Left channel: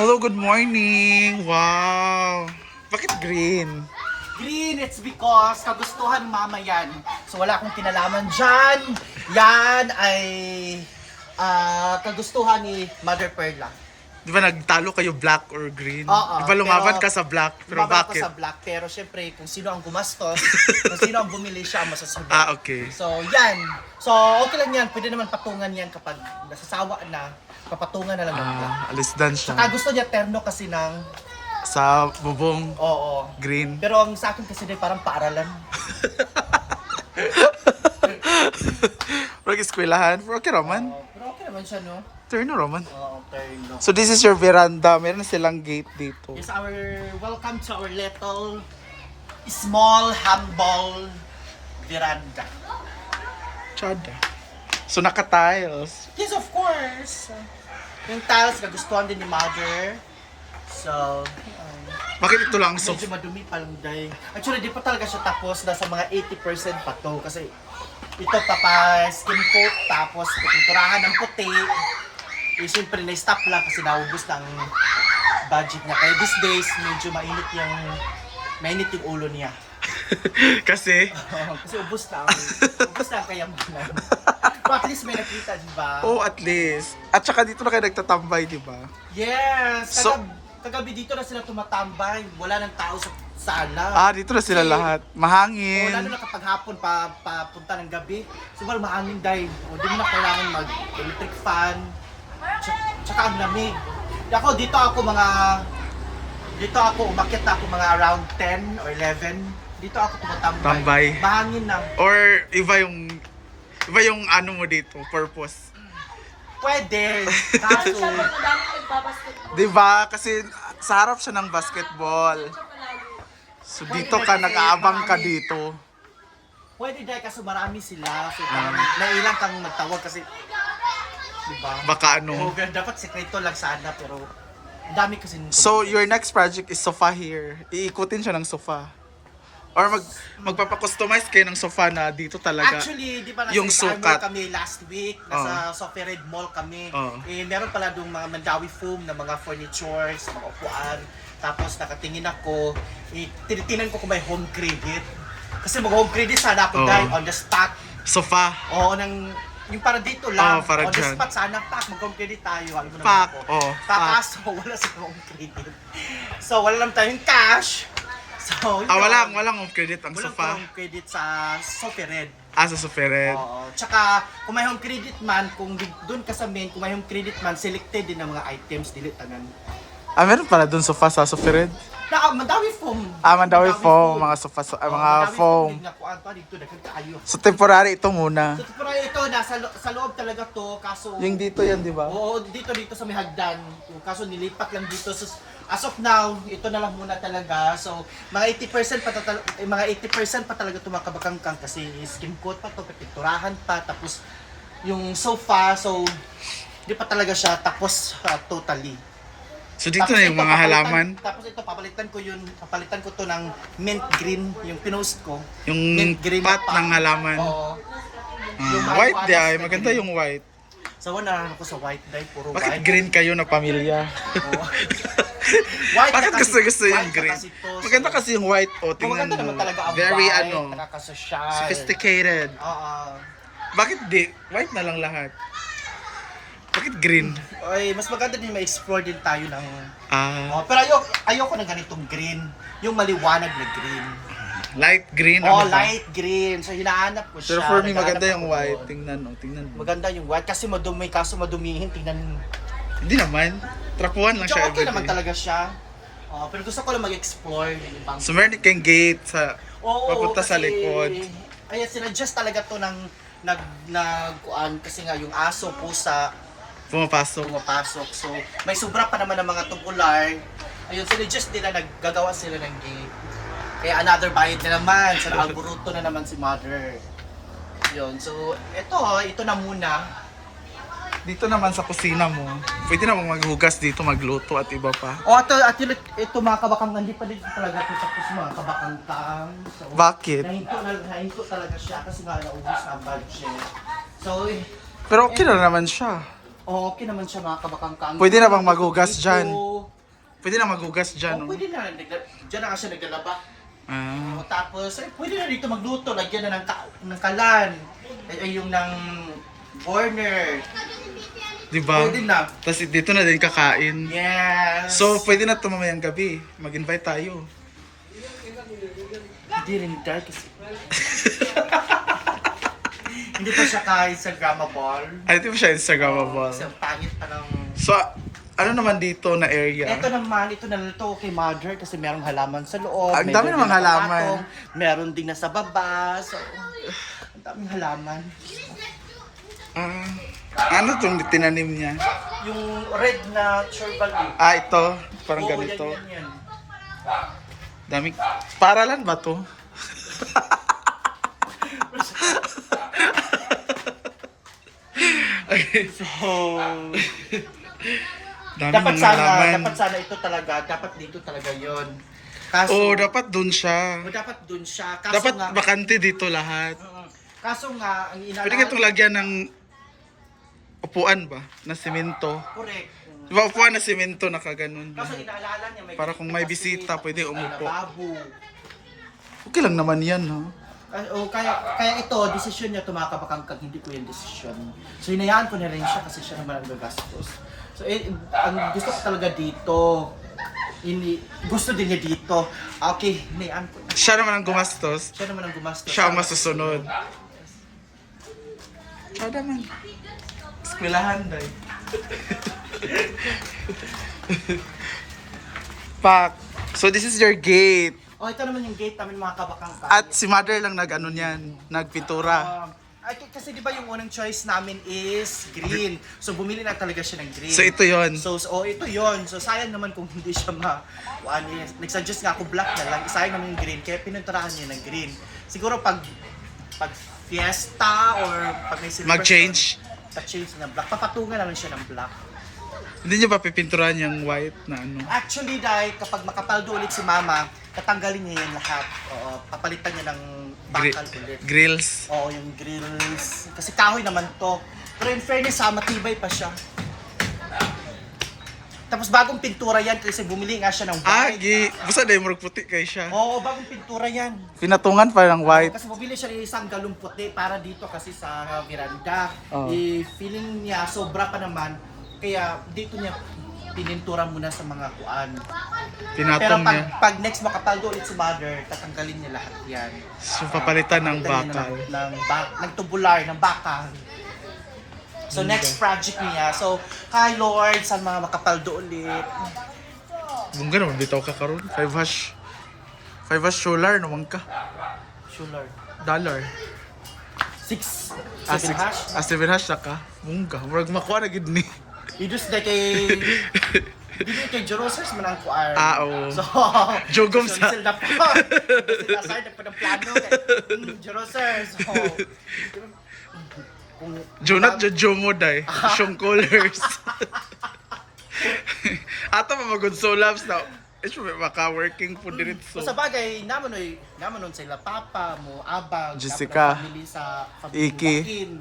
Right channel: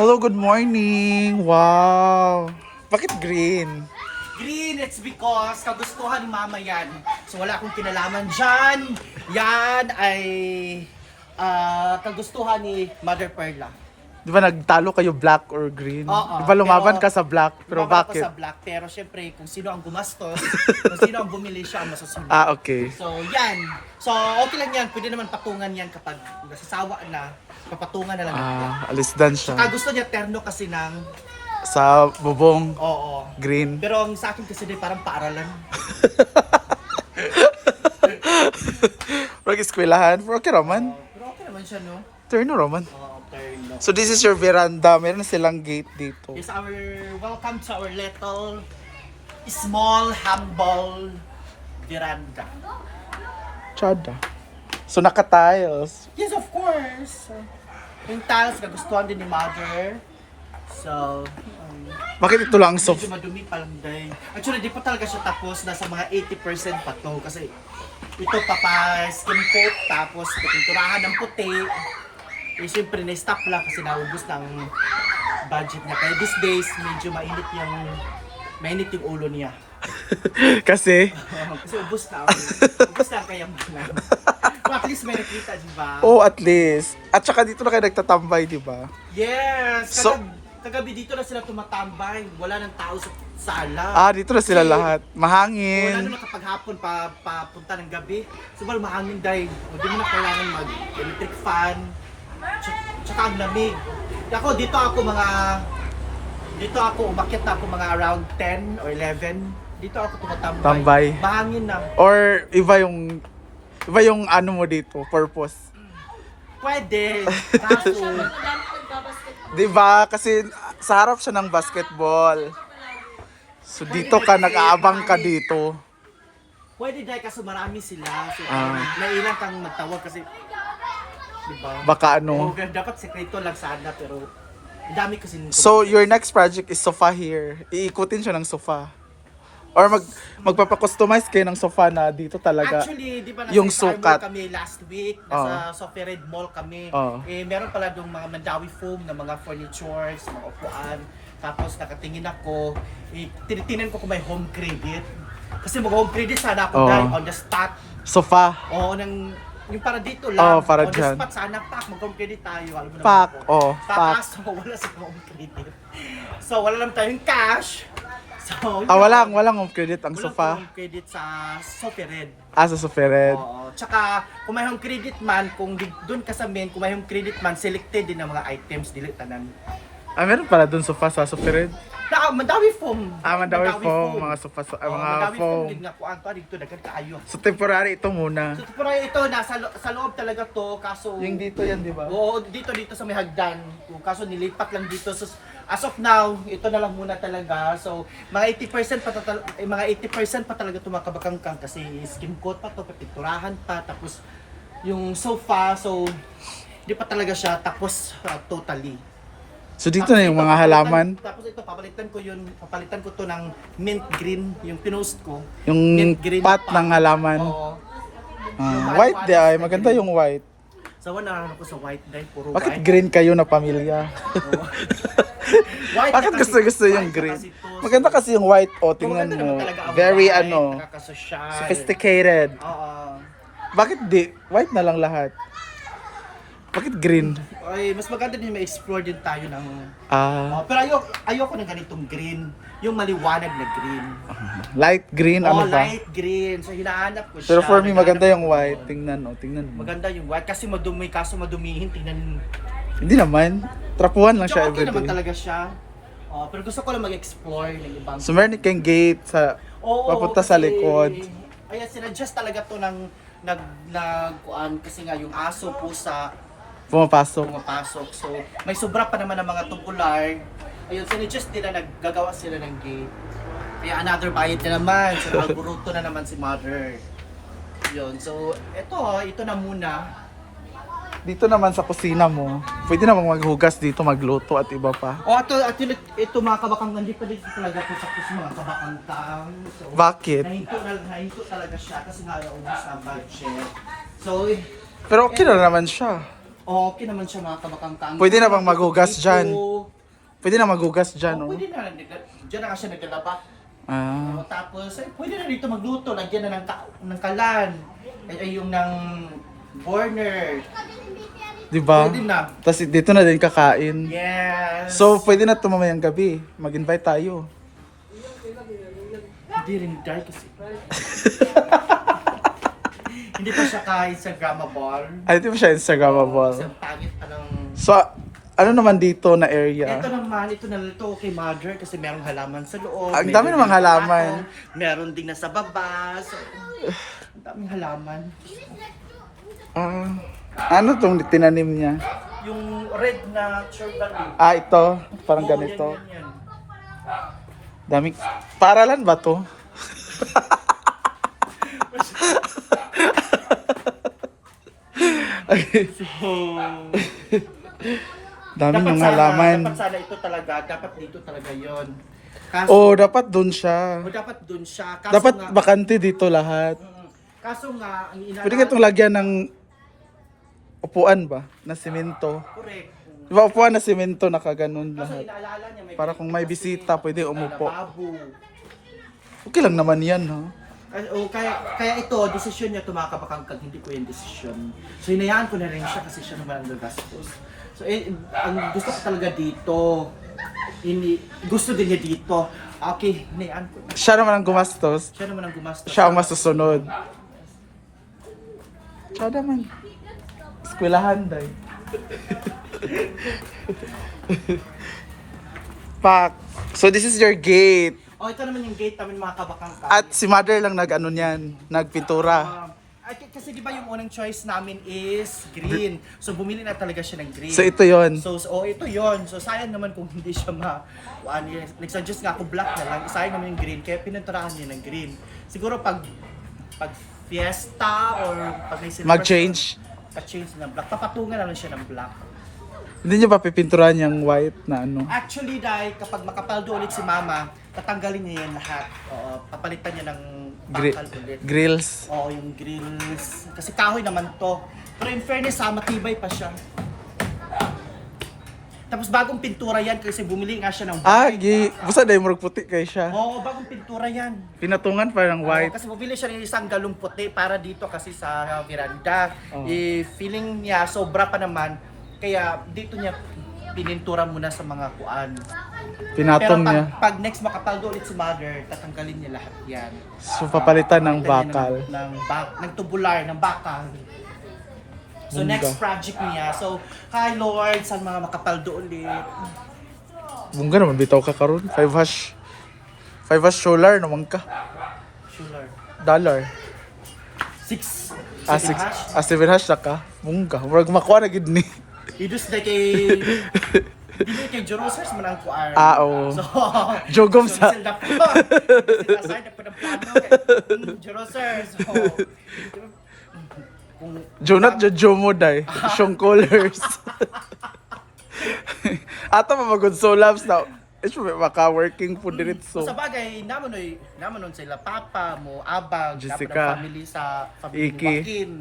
Hello, good morning. Wow. Bakit green? Green, it's because kagustuhan ni mama yan. So wala akong kinalaman dyan. Yan ay kagustuhan ni Mother Perla. Di ba nagtalo kayo black or green? Oo, Di ba lumaban pero- ka sa black? Pero Lumaban bakit? ako sa black, pero syempre kung sino ang gumastos, kung sino ang bumili siya, masasabi. Ah, okay. So yan. So okay lang yan. Pwede naman patungan yan kapag nasasawa na. Papatungan na lang. Alis dan siya. Saka gusto niya terno kasi ng Sa bubong, oo. green. Pero ang sa akin kasi din parang paaralan. Pero eskwelahan. Pero okay, Roman. Pero okay naman siya, no? Turno, Roman. Terno. So this is your veranda. Meron silang gate dito. It's our welcome to our little small humble veranda. Chada. So naka-tiles. Yes, of course. Yung tiles nagustuhan din ni Mother. So, Bakit ito lang so? medyo madumi pa lang day. Actually, di pa talaga siya tapos. Nasa mga 80% pa to. Kasi ito skin coat. Tapos pinturahan ng puti. Eh, siyempre na-stop lang kasi naubos na ang budget niya. Kaya these days, medyo mainit yung ulo niya. Kasi Kasi ubos na ang kayamanan. Pero at least may nakita, di ba? oh, at least. At saka dito na kayo nagtatambay, di ba? Yes! So- Kagabi dito na sila tumatambay. Wala nang tao sa sala. Dito na sila Kasi- lahat. Lalo Mahangin. na kapag hapon papunta ng gabi. Sobrang mahangin dahil. O di mo na kailangan mag-electric fan. Tsaka ang lamig. Dito ako umakyat na ako mga around 10 or 11. Dito ako tumatambay. Tambay. Mahangin na. Or iba yung ano mo dito, purpose. Pwede. Kaso, Di ba? Kasi sa harap siya ng basketball. So dito ka, nag-aabang ka dito. pwede dahil kaso marami sila. So, nailang kang magtawag kasi, diba? Baka Pero ano. dapat sekreto lang sana, pero ang dami kasi nung So your next project is sofa here. Iikutin siya ng sofa. Or magpapakustomize kayo ng sofa na dito talaga. Actually, di ba nasa yung Star Mall sukat. kami last week, nasa Sophie Red Mall kami. Meron pala doon mga Mandawi foam na mga furnitures, mga upuan. Tapos nakatingin ako, tinitingnan ko kung may home credit. Kasi mag-home credit sana ako dahil on the spot. Sofa. Oo, yung para dito lang. Para on dyan. the spot sana, mag-home credit tayo. Alam mo naman Pak. ako. Pak. Kaso wala sa home credit. So wala lang tayong cash. So, yun. Walang home credit ang Walang sofa. home credit sa Sophie Red. Sa sofa red. Oo. Tsaka, kung may home credit man, kung doon ka sa main, kung may home credit man, selected din ng mga items, dili tanan. Meron pala dun sofa sa sofa red. Mandawi foam. Mandawi foam, mga sofa, mga Mandawi foam. din nga kuan pa dito daghan kaayo. So temporary ito muna. So, pero ito sa loob talaga to, kaso Yung dito yan, di ba? oo, dito sa may hagdan. Kaso nilipat lang dito. So, as of now, ito na lang muna talaga. So, mga 80% pa talaga tumakabakangkang kasi skin coat pa to, pinturahan pa, tapos yung sofa, so di pa talaga siya tapos totally. So dito na yung mga halaman. Tapos ito, papalitan ko to ng mint green, yung pinost ko. Yung Mint green pot pa. ng halaman. Oo. Yung White di ay, na maganda green. yung white. So, wala ako sa white dye, puro Bakit white. green kayo na pamilya? Oo. White Bakit na kasi- gusto yung white na green? kasi to. Maganda kasi yung white. O, So, tingnan maganda mo. naman talaga ang Very white, ano, nakakasosyal. sophisticated. Oo. Bakit di? White na lang lahat. Bakit green? Ay, mas maganda din ma-explore din tayo ng... pero ayoko ng ganitong green. Yung maliwanag na green. Light green, Oh, ano ba? light green. So, hinahanap ko siya. Pero for me, maganda Hinahanap yung ko. white. Tingnan mo. Maganda yung white kasi madumi. Kaso madumihin, tingnan mo. Hindi naman. Trapuhan lang siya So, okay naman everyday. talaga siya. Pero gusto ko lang mag-explore ng ibang... So meron kayong gate sa Oo, papunta sa kasi- likod. Ayan, sinadjust talaga to ng nagkuan kasi nga yung aso, pusa, Pumapasok. pumapasok. So, may sobra pa naman ng mga tubular. Ayun, sinadjust nila, naggagawa sila ng gate. Kaya another bayad na naman. Sa alburuto na naman si Mother. Yun, so, ito na muna. Dito naman sa kusina mo, pwede namang maghugas dito, magluto at iba pa. O, ito mga kabakang, hindi pa dito talaga ito tapos mga kabakang. So, Bakit? nahinto talaga siya kasi nga naubos na ang budget. So, Pero okay na naman siya. okay naman siya mga kabakangkang. Pwede na bang maghugas dyan? Pwede na magugas dyan, Oh, no? pwede na. Diyan na nga siya naglalaba. Ah. Tapos, pwede na dito magluto. Lagyan na ng kalan. Ay, yung ng burner. Diba? Pwede na. Tapos dito na din kakain. Yes! So, pwede na ito mamayang gabi. Mag-invite tayo. Hindi rin dahil kasi. Hindi pa siya kahit sa grandma ball. Ay, di ba siya Instagrammable? Kasi ang pangit pa ng... So, ano naman dito na area? Ito naman, ito na ito kay mother kasi merong halaman sa loob. Ang dami namang halaman. Meron din na sa baba. So, ang daming halaman. Ah, ano tong tinanim niya? Yung red na churban leaf. Ah, ito. Parang Oo, ganito. yan. Daming... Paralan ba to? So, Dami ng halaman. dapat sana ito talaga, dapat dito talaga yon. Kaso, Oh, dapat dun siya. dapat dun siya. Kaso Dapat nga, bakante dito lahat. kaso nga, ang inaalala... Pwede ka itong lagyan ng upuan ba? Na simento. Correct. Di ba upuan na simento nakaganon Kaso lahat. inaalala niya, Para kung may kasi bisita, pwede may umupo. lababo. Okay lang naman yan, ha? Kaya ito, desisyon niya tumakabakangkag, hindi ko yung desisyon. So hinayaan ko na rin siya kasi siya naman ang gagastos. So ang gusto ko talaga dito, gusto din niya dito. Okay, hinayaan ko na. Siya naman ang gumastos. Siya naman ang gumastos. Siya ang masusunod. Siya naman. Eskwelahan, day. Pak. So this is your gate. Oh, ito naman yung gate namin mga kabakangkag. At si mother lang nag-ano niyan, nagpintura. Kasi di ba yung unang choice namin is green. So bumili na talaga siya ng green. So ito yon. So ito yon. So sayang naman kung hindi siya nag-suggest nga ako black na lang. Sayang naman yung green. Kaya pininturahan niya ng green. Siguro pag fiesta or pag may celebration, Mag-change. pa-change na black. Papatungan na lang siya ng black. Hindi niyo ba pipinturan yung white na ano? Actually, dahil kapag makapaldo ulit si mama, tatanggalin niya yan lahat. Oo, papalitan niya ng bakal ulit. Grills. Oo, yung grills. Kasi kahoy naman to. Pero in fairness matibay pa siya. Tapos bagong pintura yan kasi bumili nga siya ng Ah, white. basta dahil murag puti kay siya. Oo, bagong pintura yan. Pinatungan pa ng white. Kasi bumili siya ng isang galong puti para dito kasi sa veranda. Oo. Feeling niya sobra pa naman. Kaya dito niya pinintura muna sa mga kuan. Pero Pinatong niya. pag next makapaldo ulit si mother, tatanggalin niya lahat yan. So papalitan ng Papalitan niya bakal. ng tubular, ng bakal. So Ganda. next project niya. So, hi Lord, saan mga makapaldo ulit. Bungga naman bitaw ka karon. 5 hash. 5 hash solar naman ka. Sure. Dollar. 6. Ah, 6. Ah, 7 hash na ka. Bungga. Murag makuha na gid ni. Idus na kay... Hindi mo kay Jorosers man ang kuar. Ah, oo. So, Jogom so, sa- sila po. Sila side na po ng plano. Jorosers. So, kung... Jonat Jojo mo day. Siyong colors. Ato pa magod so labs na. It's maka-working po diretso. Sa bagay, naman sila papa mo, abag, Jessica. dapat ang family sa family Iki. Joaquin.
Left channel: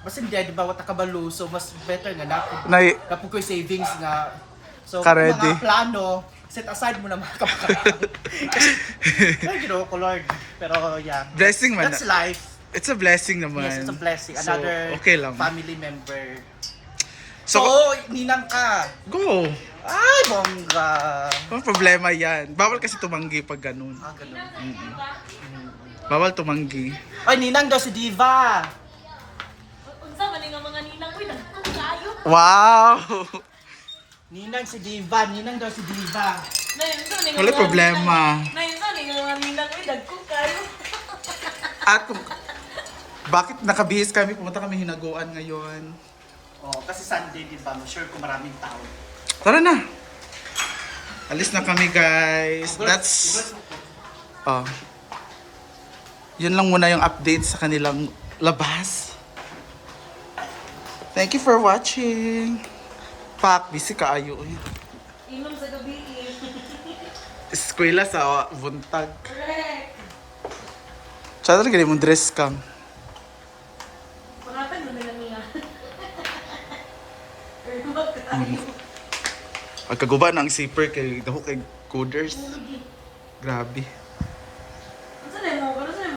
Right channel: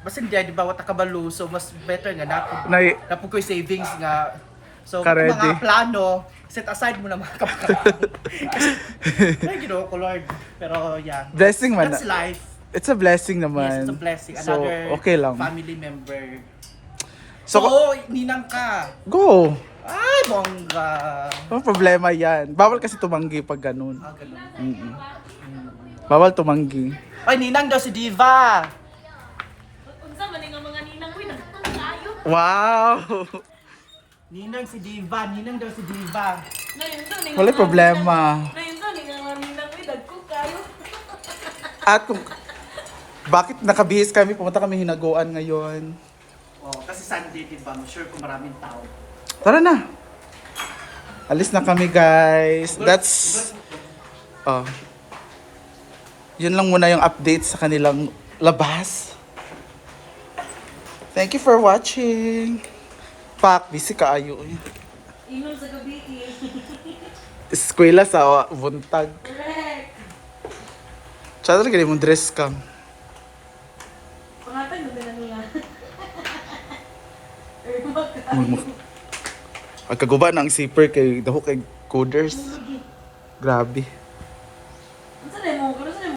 Mas hindi, di ba, wata kabalo, so mas better nga Nay- napag ko'y savings nga. So, Ka-ready. kung mga plano, set aside mo na mga kapatid. Kasi, ay, ginoo ko, Lord. Pero, yeah. Blessing man. That's life. It's a blessing naman. Yes, it's a blessing. So, Another okay lang. family member. So, So, ninang ka. go. Ay, bongga. Ano problema yan? Bawal kasi tumanggi pag ganun. Ah, ganun. Bawal tumanggi. Ay, ninang daw si Diva. Unsa man nga mga ninang ko nagtayo. Wow! Ninang si Diva. Ninang daw si Diva. Nayon sa ni. Wala problema. Nayon sa ni nga ninang ko dagko kayo. At kung bakit nakabihis kami, pumunta kami hinaguan ngayon. Oh, kasi Sunday, di ba? Sure kung maraming tao. Tara na. Alis na kami, guys. That's yun lang muna yung update sa kanilang labas. Thank you for watching. Pak, busy ka ayo. Inom sa gabi. Eskwela sa buntag. Correct. Tsaka talaga mong dress cam. Pangatan mo na niya. Pagkaguba ng zipper kay daho kay coders. Grabe.